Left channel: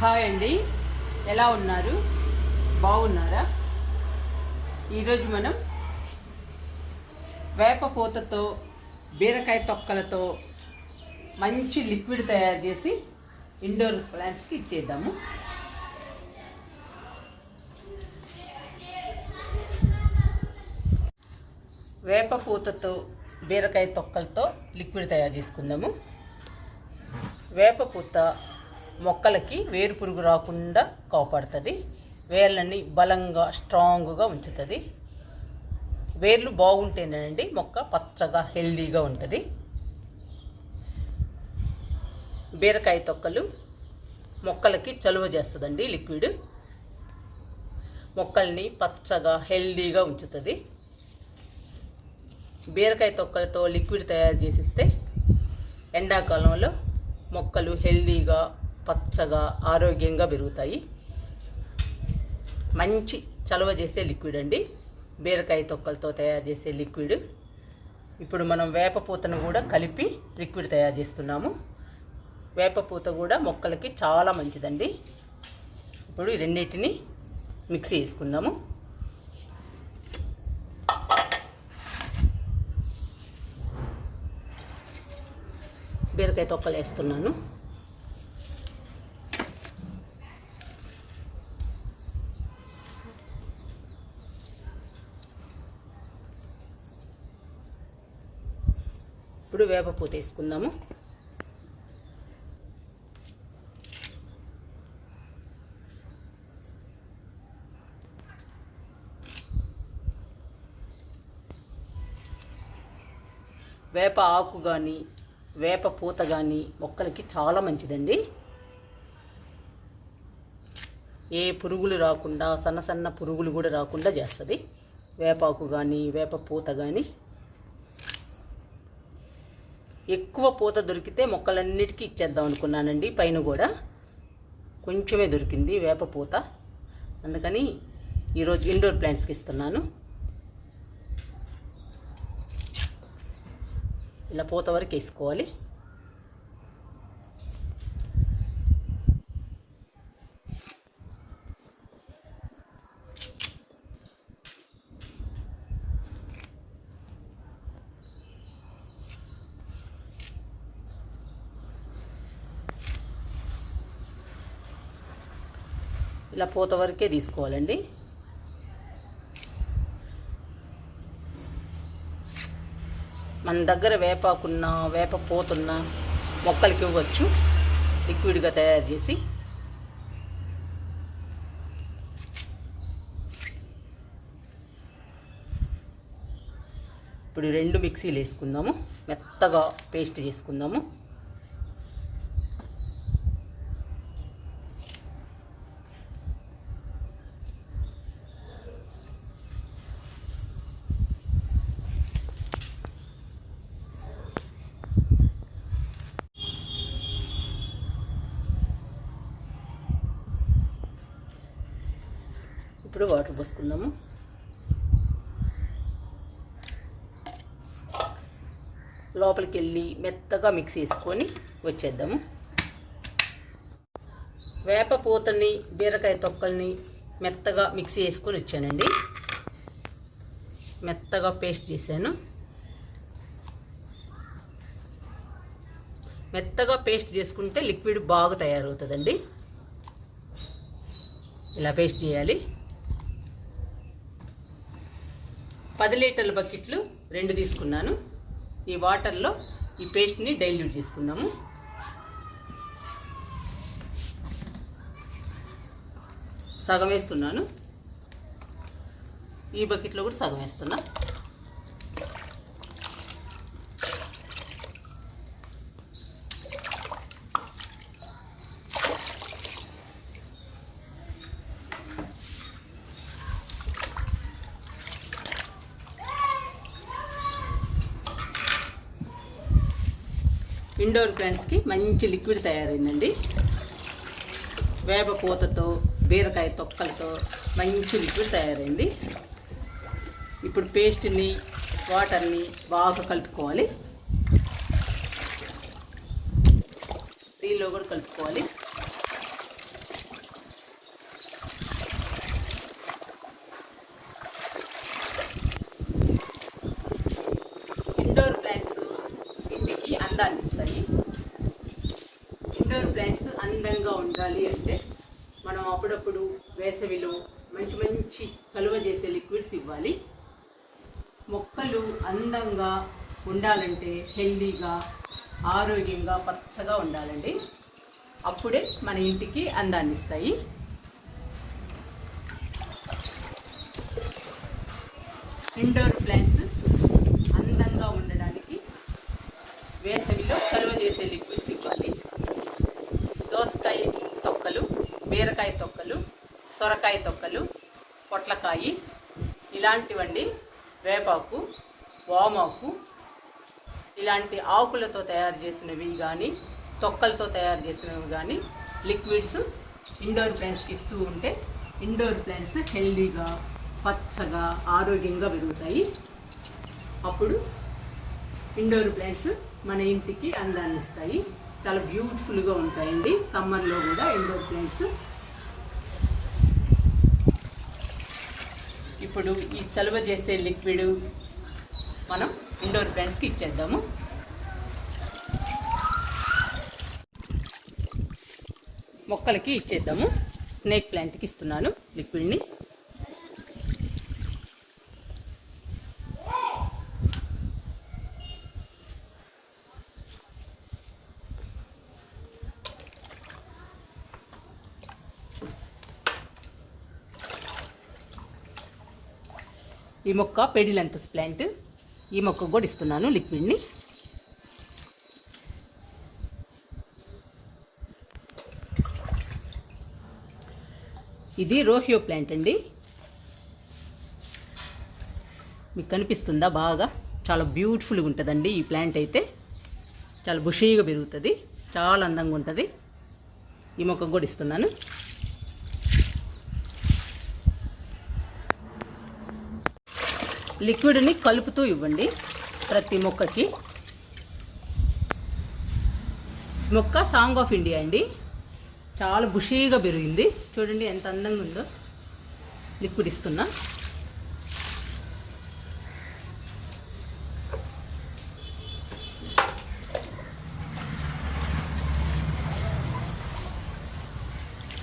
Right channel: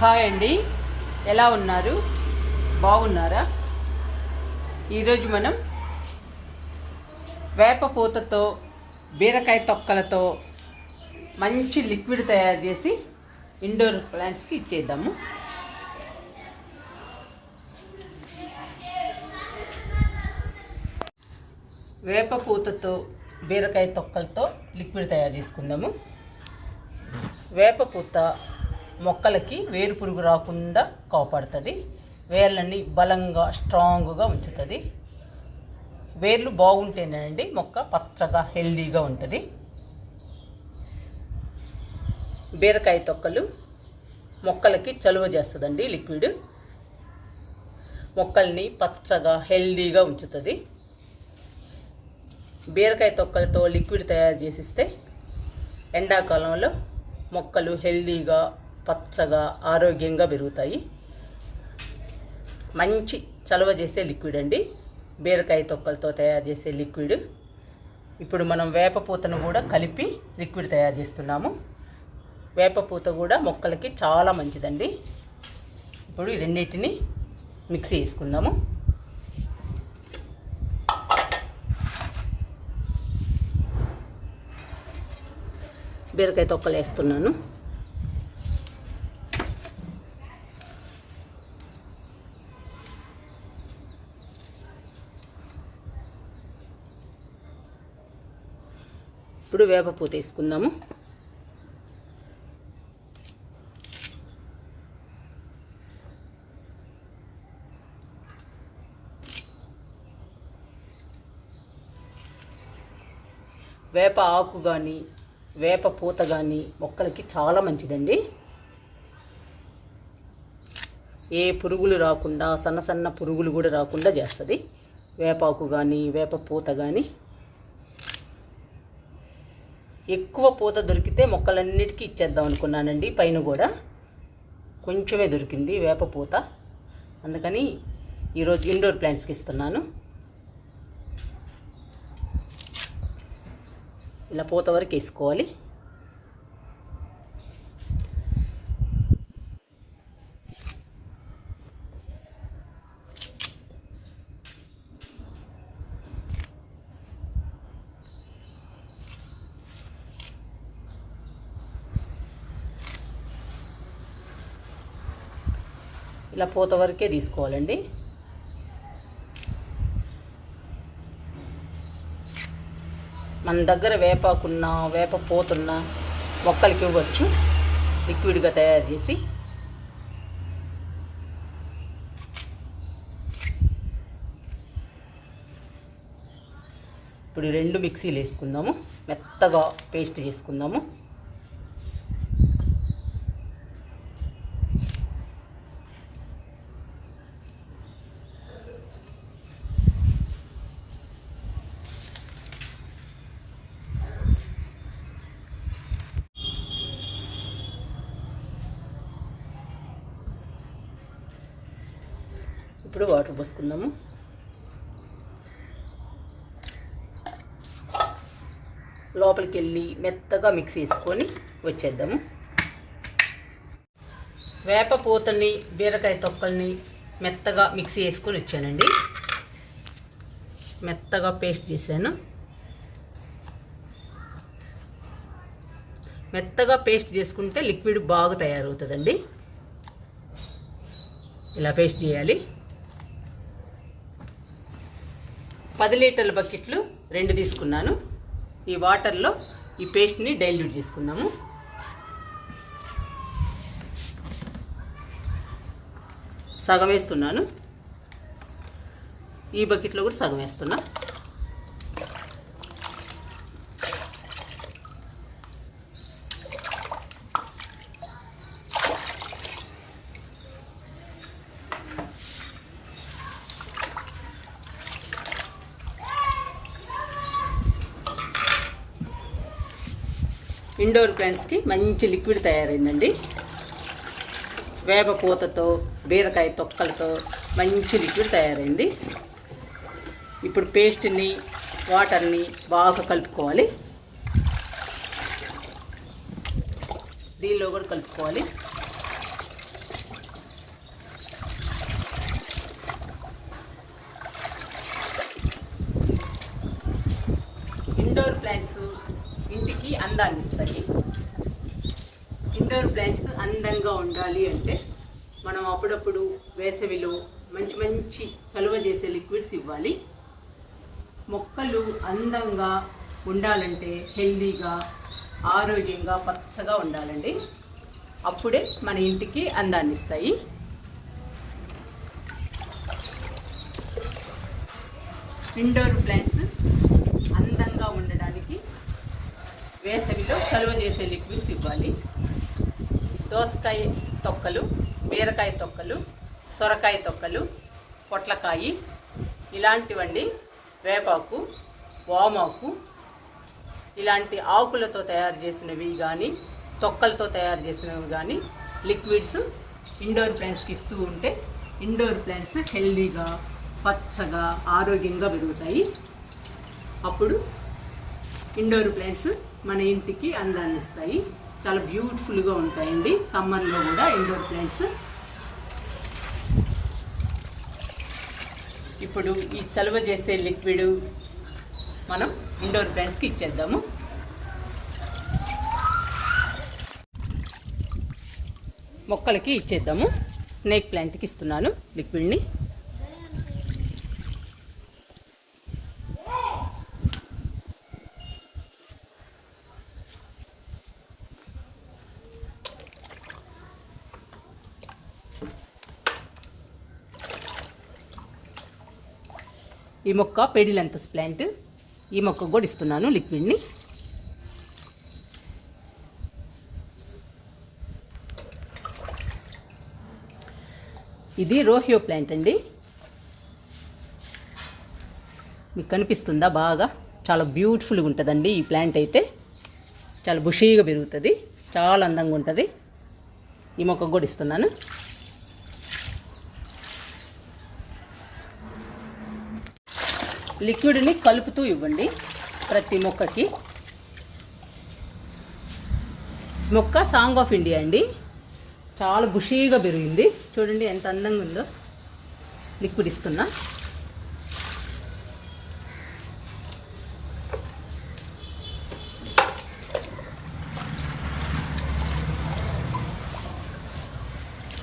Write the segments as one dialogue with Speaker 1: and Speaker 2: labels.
Speaker 1: Hi అండి. ఎలా ఉన్నారు? బాగున్నారా? ఈరోజు మనం వేప పూతతో బీరకాయ తొక్కలతో మంచి లిక్విడ్ తయారు చేసి ఇండోర్ ప్లాంట్స్కి ఇచ్చేద్దాము. వేప పూతతో బీరకాయ తొక్కలతో లిక్విడ్ తయారు చేసుకుందాము. వేప పూత మొక్కలకి వేరు పురుగు రాకుండా కాపాడుతుంది. వేర్లని బలంగా స్ట్రాంగ్గా ఉంచుతుంది. వేర్లు బాగుంటేనండి మొక్క పచ్చగా హెల్దీగా ఉంటుంది. బీరకాయ తొక్కలు మొక్కలకి చలువ చేస్తుందండి లిక్విడ్. మొక్కల్ని పచ్చగా హెల్దీగా ఉంచుతుంది. బీరకాయ తొక్కలతో లిక్విడ్ తయారు చేసిస్తే ఎండాకాలంలో మొక్కలు హెల్దీగా పచ్చగా ఆరోగ్యంగా పెరుగుతాయి. మంచి చలవ చేసే లిక్విడ్ అండి. బీరకాయ తొక్కలతో తయారు చేసే లిక్విడ్. ఇప్పుడు మనం వేపపూతను కూడా కలిపి లిక్విడ్ తయారు చేస్తున్నాము. వేప పూత కూడా మొక్కలకి చాలా మంచిదండి. ఇప్పుడు రెండింటిని మిక్సీ వేసుకుందాము బీరకాయ తొక్కలు వేస్తున్నాను. వేపపూ తీసుకుందాము. వేసుకుందాము వేప ఆకు కానీ వేప పూత కానీ మొక్కలకి చాలా మంచిదండి. ఏ పురుగులు రాకుండా సన్న సన్న పురుగులు కూడా రాకుండా చేస్తుంది. వేపాకు కానీ వేప పూత కానీ ఎక్కువ పూత దొరికితే మొక్కలన్నిటికీ ఇచ్చేద్దాం అనుకున్నానండి. పైన కూడా కొంచెమే దొరికింది వేప పూత. అందుకని ఈరోజు ఇండోర్ ప్లాంట్స్కి ఇస్తున్నాను. ఇలా పూత వరకు వేసుకోవాలి. ఇలా పూత వరకే తీసుకోవాలండి. మన దగ్గర వేపాకున్న వేప పోతున్న మొక్కలకి ఇవ్వచ్చు. లిక్విడ్గా తయారు చేసి. ఇప్పుడు రెండు మిక్సీలు వేసుకుందాము. మెత్తగా పేస్ట్ చేసుకుందాము. ఇప్పుడు వాటర్ పోసుకుందాము. లోపలికి వెళ్ళి మెత్తగా మిక్స్ చేసుకొని వచ్చేద్దాము. వేప పూతని బీరకాయ తొక్కల్ని మెత్తగా మిక్సీ వేసుకొని వచ్చానండి. మెత్తగా పేస్ట్ చేశాను. మెత్తగా పేస్ట్ చేసుకుంటే లిక్విడ్ బాగా తయారవుతుందండి. ఇలా పేస్ట్ చేయాలి. పది లీటర్ల బకెట్లు రెండు తీసుకున్నాను. ఈ వాటర్లో ఈ పేస్ట్ని డైల్యూట్ చేసుకుందాము. సగం వేస్తున్నాను. ఈ బకెట్లో కూడా సగం వేస్తున్నా. ఇండోర్ ప్లాంట్స్కి మంచి లిక్విడ్ తయారైందండి. వేప పూతతో బీరకాయ తొక్కలతో మంచి లిక్విడ్ తయారైంది. ఇప్పుడు పేస్ట్ని వాటర్ని బాగా కలుపుకోవాలి. దీనిలో కూడా కలుపుకోవాలి. ఉండాలి అంటే మనం అప్పుడప్పుడు వేసవిలో మంచి మంచి చలువ చేసే లిక్విడ్స్ ఇవ్వాలి. మొక్కలు అందంగా ఉండాలంటే హెల్దీగా ఆరోగ్యంగా పచ్చగా ఉండాలండి. అప్పుడే మన ఇంటికి అందాన్ని ఇస్తాయి. ఇండోర్ ప్లాంట్స్ అందంగా ఉండడానికి వేసవిలో చలువ చేసే లిక్విడ్స్ ఇవ్వాలి. దోసకాయ తొక్కలు బీరకాయ తొక్కలు సొరకాయ తొక్కలు పొట్లకాయ ఇలాంటివండి వేపాకు వామాకు ఇలాంటి ఆకులతో తయారు చేసినవి కానీ తొక్కలతో తయారు చేసినవి కానీ లిక్విడ్స్ ఇండోర్ ప్లాంట్స్కి ఇస్తూ ఉంటే ఇండోర్ ప్లాంట్స్ హెల్దీగా పచ్చగా ఆరోగ్యంగా పెరుగుతాయి. అప్పుడు ఇండోర్ ప్లాంట్స్ మన ఇంటికి అందాన్ని ఇస్తాయి. చాలా బ్యూటిఫుల్గా ఉంటాయండి. సమ్మర్లో కూడా ఇండోర్ ప్లాంట్స్ ఇప్పుడు ఈ చలువ చేసే లిక్విడ్ మనం ఇండోర్ ప్లాంట్స్కి ఇచ్చేద్దాము. మొక్కలకి ఇచ్చేద్దాము. స్నేక్ ప్లాంట్కి ఇస్తున్నాను లిక్విడ్ని. ఈ మొక్క పెడిలంతస్ ప్లాంట్. ఈ మొక్క కూడా ఇస్తున్నాను లిక్విడ్ని. ఇది రోహియో ప్లాంట్ అండి. మీకు కనిపిస్తుందా బాగా? చాలా బ్యూటిఫుల్గా ఉంటుందండి ఈ ప్లాంట్ అయితే. చాలా బుషీగా పెరుగుతుంది. చాలా అందంగా ఉంటుంది. ఈ మొక్క కూడా ఇస్తున్నాను. లిక్విడ్ని కలుపుతూ ఇవ్వండి ప్రతి మొక్కకి. మొక్క సాంగ్ ఆఫ్ ఇండియా అండి. చాలా బుషీగా పెరిగింది. చూడండి ఎంత అందంగా ఉందో. లిక్విడ్ ఇస్తున్నా.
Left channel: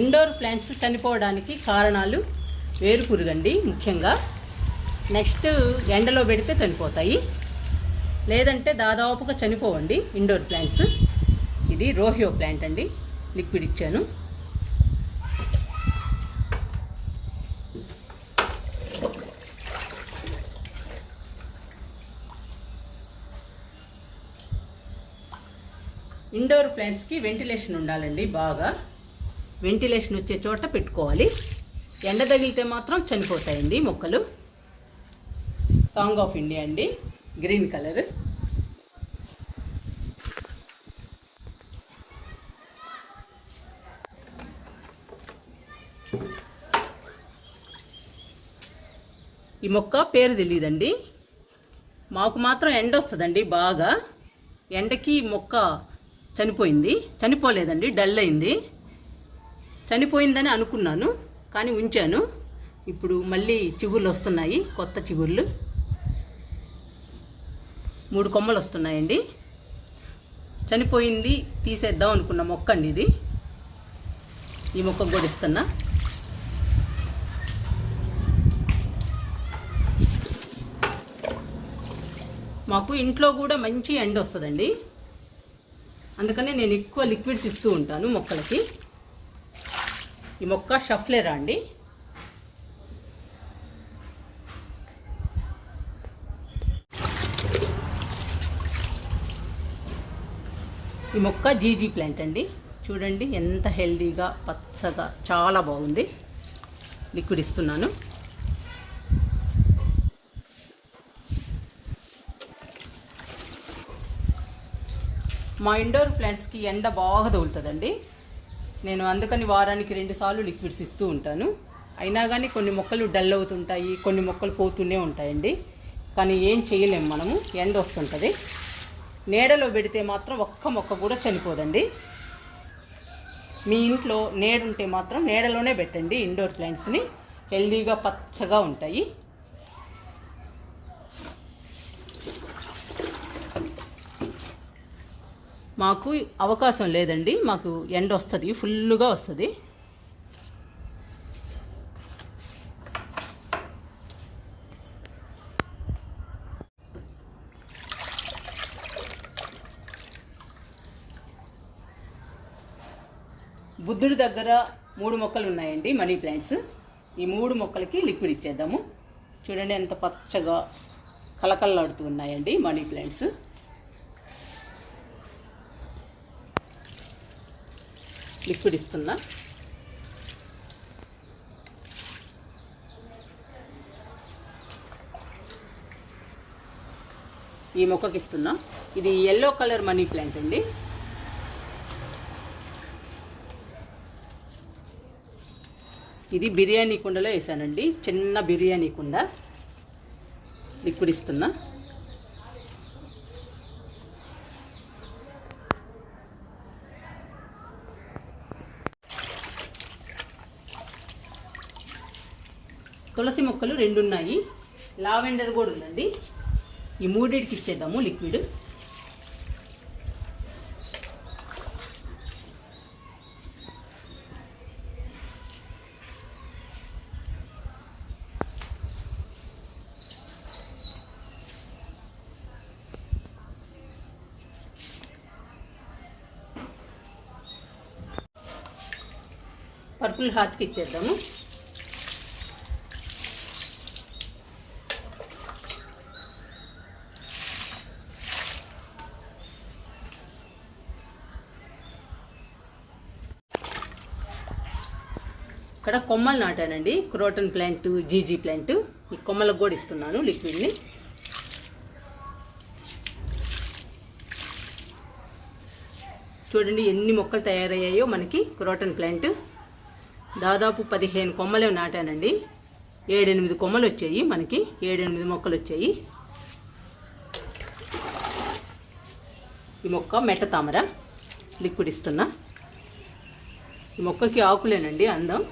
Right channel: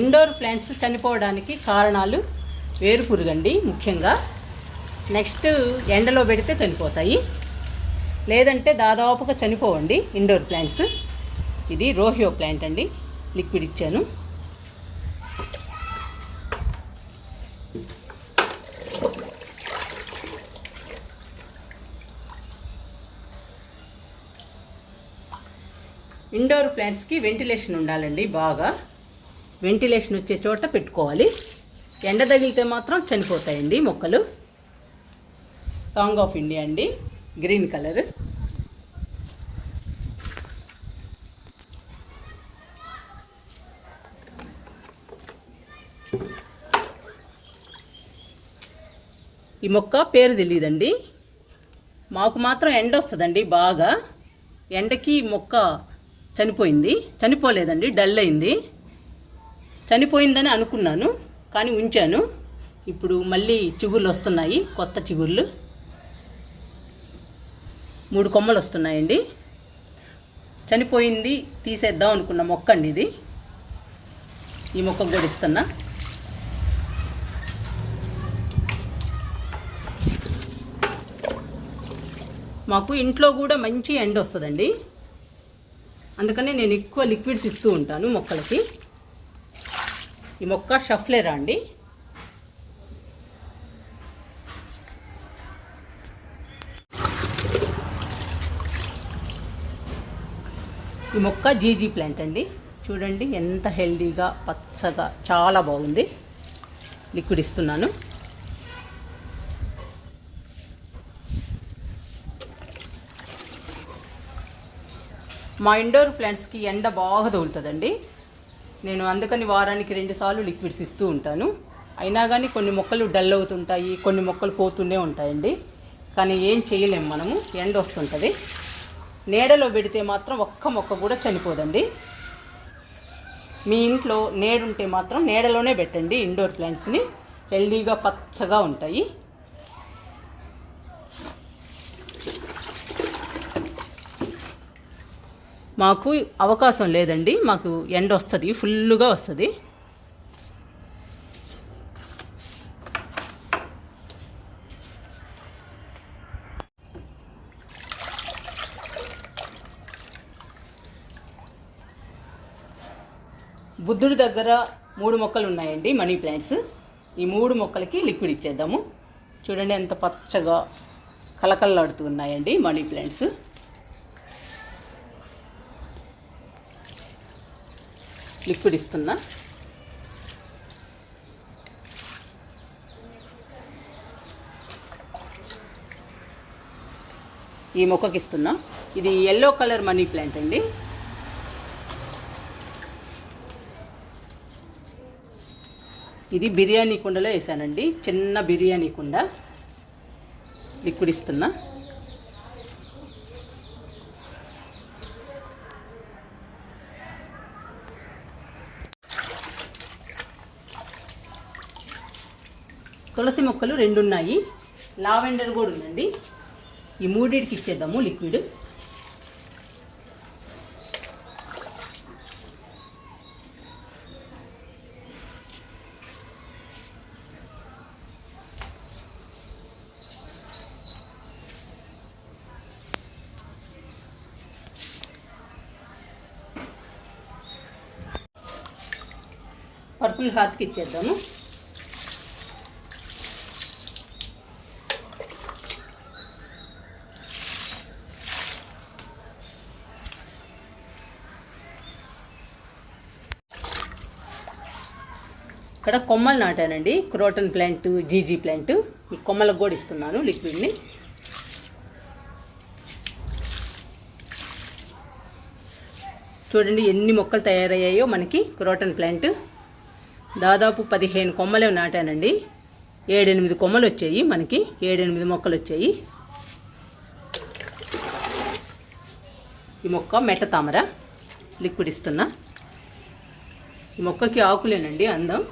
Speaker 1: ఇండోర్ ప్లాంట్స్ చనిపోవడానికి కారణాలు వేరు పురుగండి ముఖ్యంగా నెక్స్ట్ ఎండలో పెడితే చనిపోతాయి. లేదంటే దాదాపుగా చనిపోవండి ఇండోర్ ప్లాంట్స్. ఇది రోహియో ప్లాంట్ అండి. లిక్విడ్ ఇచ్చాను. ఇండోర్ ప్లాంట్స్కి వెంటిలేషన్ ఉండాలండి బాగా. వెంటిలేషన్ వచ్చే చోట పెట్టుకోవాలి. ఎండ తగిలితే మాత్రం చనిపోతాయండి మొక్కలు. సాంగ్ ఆఫ్ ఇండియా అండి. Green colour. ఈ మొక్క పేరు తెలియదండి మాకు మాత్రం ఎండ వస్తుందండి బాగా. ఎండకి మొక్క చనిపోయింది. చనిపోలేదండి డల్ అయింది. చనిపోయిందని అనుకున్నాను కానీ ఉంచాను. ఇప్పుడు మళ్ళీ చిగుర్లు వస్తున్నాయి కొత్త చిగుర్లు. మూడు కొమ్మలు వస్తున్నాయండి. చనిపోయింది తీసేద్దాం అనుకున్న మొక్క అండి ఇది. ఈ మొక్క కూడా ఇస్తున్నా. మాకు ఇంట్లో కూడా మంచి ఎండ వస్తుందండి. అందుకని నేను ఎక్కువ లిక్విడ్స్ ఇస్తూ ఉంటాను మొక్కలకి. ఈ మొక్క షఫ్లేరా అండి. ఈ మొక్క జీజీ ప్లాంట్ అండి. చూడండి ఎంత హెల్దీగా పచ్చగా చాలా బాగుంది. లిక్విడ్ ఇస్తున్నాను. మా ఇండోర్ ప్లాంట్స్కి ఎండ బాగా తగులుతుందండి నేను అందుకని వారానికి రెండుసార్లు లిక్విడ్స్ ఇస్తూ ఉంటాను. అయినా కానీ కొన్ని మొక్కలు డల్ అవుతుంటాయి కొన్ని మొక్కలు పోతూనే ఉంటాయండి. కానీ ఏం చేయలేము మనము ఎండ వస్తుంటుంది. నీడలో పెడితే మాత్రం ఒక్క మొక్క కూడా చనిపోదండి. మీ ఇంట్లో నేడుంటే మాత్రం నీడలోనే పెట్టండి ఇండోర్ ప్లాంట్స్ని. హెల్దీగా పచ్చగా ఉంటాయి. మాకు అవకాశం లేదండి. మాకు ఎండ వస్తుంది ఫుల్గా వస్తుంది. బుద్ధుడి దగ్గర మూడు మొక్కలు ఉన్నాయండి మనీ ప్లాంట్స్. ఈ మూడు మొక్కలకి లిక్విడ్ ఇచ్చేద్దాము. చూడండి ఎంత పచ్చగా కలకల్లాడుతూ ఉన్నాయండి మనీ ప్లాంట్స్. లిక్విడ్ ఇస్తున్నా. ఈ మొక్కకి ఇస్తున్నా ఇది ఎల్లో కలర్ మనీ ప్లాంట్ అండి. ఇది బిర్యానీ కుండలో వేసానండి. చిన్న బిర్యానీ కుండ లిక్విడ్ ఇస్తున్నా తులసి మొక్కలు రెండు ఉన్నాయి లావెండర్ కూడా ఉందండి. ఈ మూడింటికి ఇచ్చేద్దాము లిక్విడ్. పర్పుల్ హాత్కి ఇచ్చేద్దాము. ఇక్కడ కొమ్మలు నాటానండి. క్రోటన్ ప్లాంట్ జీజీ ప్లాంట్. ఈ కొమ్మలకు కూడా ఇస్తున్నాను లిక్విడ్ని. చూడండి ఎన్ని మొక్కలు తయారయ్యాయో మనకి క్రోటన్ ప్లాంట్. దాదాపు పదిహేను కొమ్మలే నాటానండి. ఏడెనిమిది కొమ్మలు వచ్చాయి మనకి. ఏడెనిమిది మొక్కలు వచ్చాయి. ఈ మొక్క మెట్ట తామర లిక్విడ్ ఇస్తున్నా. ఈ మొక్కకి ఆకులేనండి అందం.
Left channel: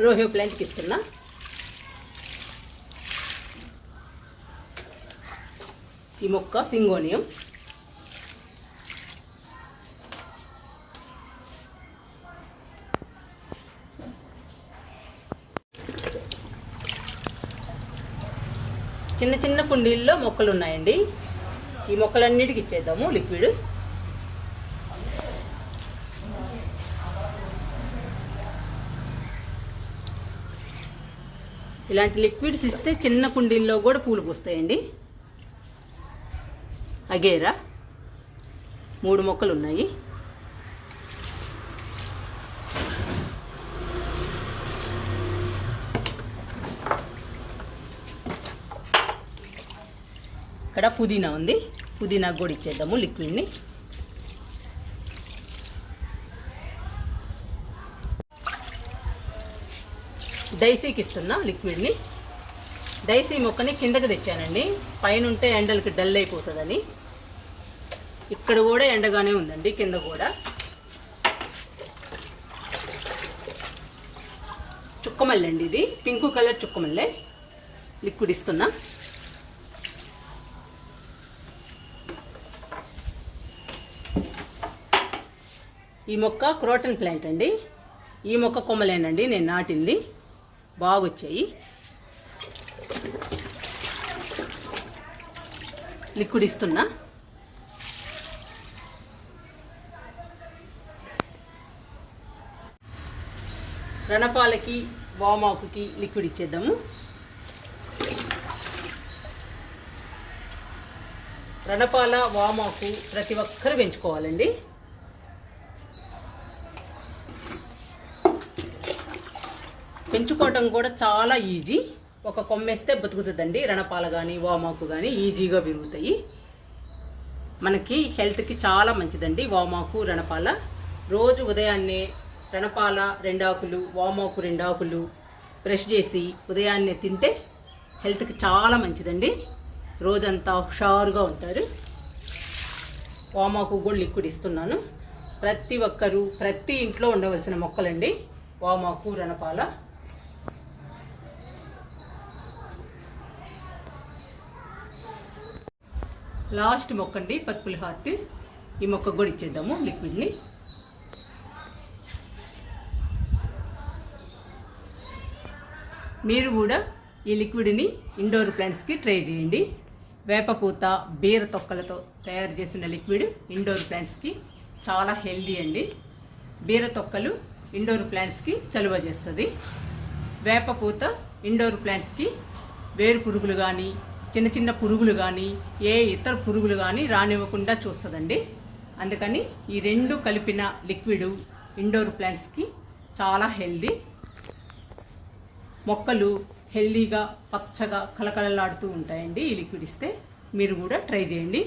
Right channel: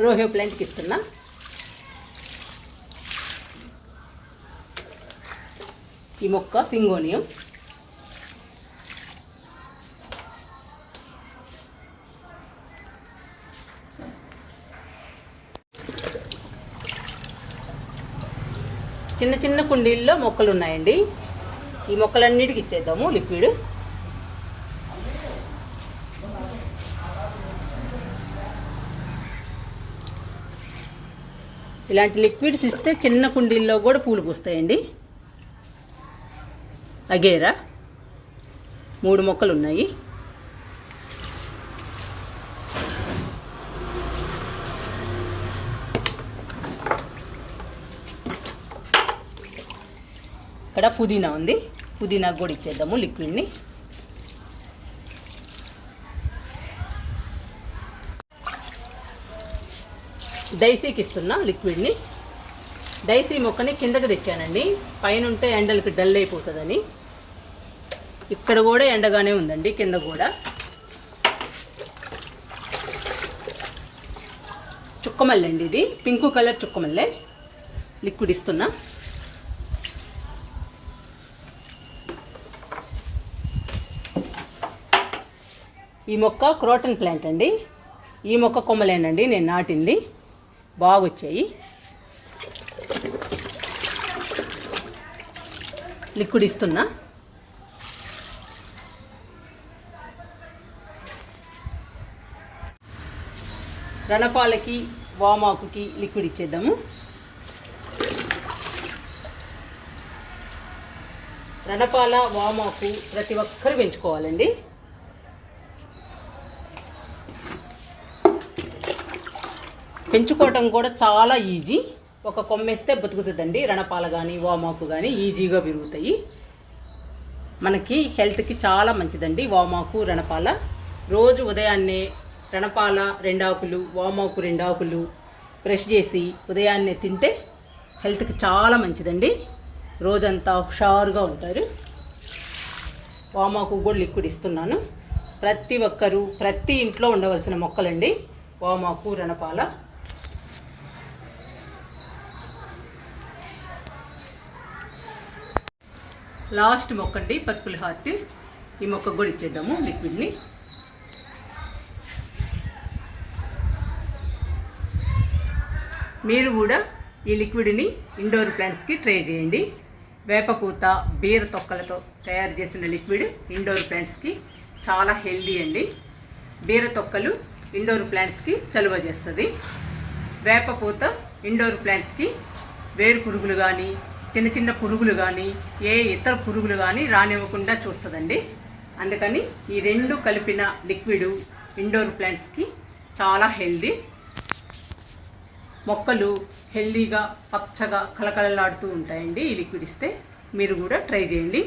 Speaker 1: రోహియో ప్లాంట్కి ఇస్తున్నా. ఈ మొక్క సింగోనియం. చిన్న చిన్న కుండీల్లో మొక్కలు ఉన్నాయండి ఈ మొక్కలన్నిటికి ఇచ్చేద్దాము లిక్విడ్. ఇలాంటి లిక్విడ్స్ ఇస్తే చిన్న కుండీల్లో కూడా పూలు పూస్తాయండి. అగేరా. మూడు మొక్కలు ఉన్నాయి ఇక్కడ పుదీనా ఉంది. పుదీనా కూడా ఇచ్చేద్దాము లిక్విడ్ని. డైసీకి ఇస్తున్నా లిక్విడ్ని. డైసీ మొక్కని కిందకి తెచ్చానండి. పైన ఉంటే ఎండలకి డల్ అయిపోతుందని. ఇక్కడ కూడా ఎండగానే ఉందండి కింద కూడా. చుక్కమల్లండి ఇది. పింక్ కలర్ చుక్కమల్లె లిక్విడ్ ఇస్తున్నా. ఈ మొక్క క్రోటన్ ప్లాంట్ అండి. ఈ మొక్క కొమ్మలేనండి నేను నాటింది. బాగొచ్చాయి. లిక్విడ్ ఇస్తున్నా. రణపాలకి వామాకుకి లిక్విడ్ ఇచ్చేద్దాము. రణపాల వామాకు ప్రతి ఒక్కరు పెంచుకోవాలండి. పెంచుకోవటం కూడా చాలా ఈజీ. ఒక కొమ్మేస్తే బతుకుతుందండి. రణపాల కానీ వామాకు కానీ ఈజీగా పెరుగుతాయి మనకి హెల్త్కి చాలా మంచిదండి. వామాకు రణపాల. రోజు ఉదయాన్నే రణపాల రెండాకులు వామాకు రెండాకులు బ్రష్ చేసి ఉదయాన్నే తింటే హెల్త్కి చాలా మంచిదండి. రోజంతా హుషారుగా ఉంటారు. వామాకు కూడా లిక్విడ్ ఇస్తున్నాను. ప్రతి ఒక్కరూ ప్రతి ఇంట్లో ఉండవలసిన మొక్కలండి. వామాకు రణపాల. లాస్ట్ మొక్క అండి పర్పుల్ హార్ట్. ఈ మొక్క కూడా ఇచ్చేద్దాము లిక్విడ్ని. మీరు కూడా ఈ లిక్విడ్ని ఇండోర్ ప్లాంట్స్కి ట్రై చేయండి. వేపపూత బీర తొక్కలతో తయారు చేసిన లిక్విడ్ ఇండోర్ ప్లాంట్స్కి చాలా హెల్దీ అండి. బీర తొక్కలు ఇండోర్ ప్లాంట్స్కి చలువ చేస్తుంది. వేపపూత ఇండోర్ ప్లాంట్స్కి వేరు పురుగులు కానీ చిన్న చిన్న పురుగులు కానీ ఏ ఇతర పురుగులు కానీ రానివ్వకుండా చూస్తుందండి. అందుకని ఈ రెండు కలిపిన లిక్విడ్ ఇండోర్ ప్లాంట్స్కి చాలా హెల్దీ. మొక్కలు హెల్దీగా పచ్చగా కలకలలాడుతూ ఉంటాయండి ఈ లిక్విడ్ ఇస్తే. మీరు కూడా ట్రై చేయండి.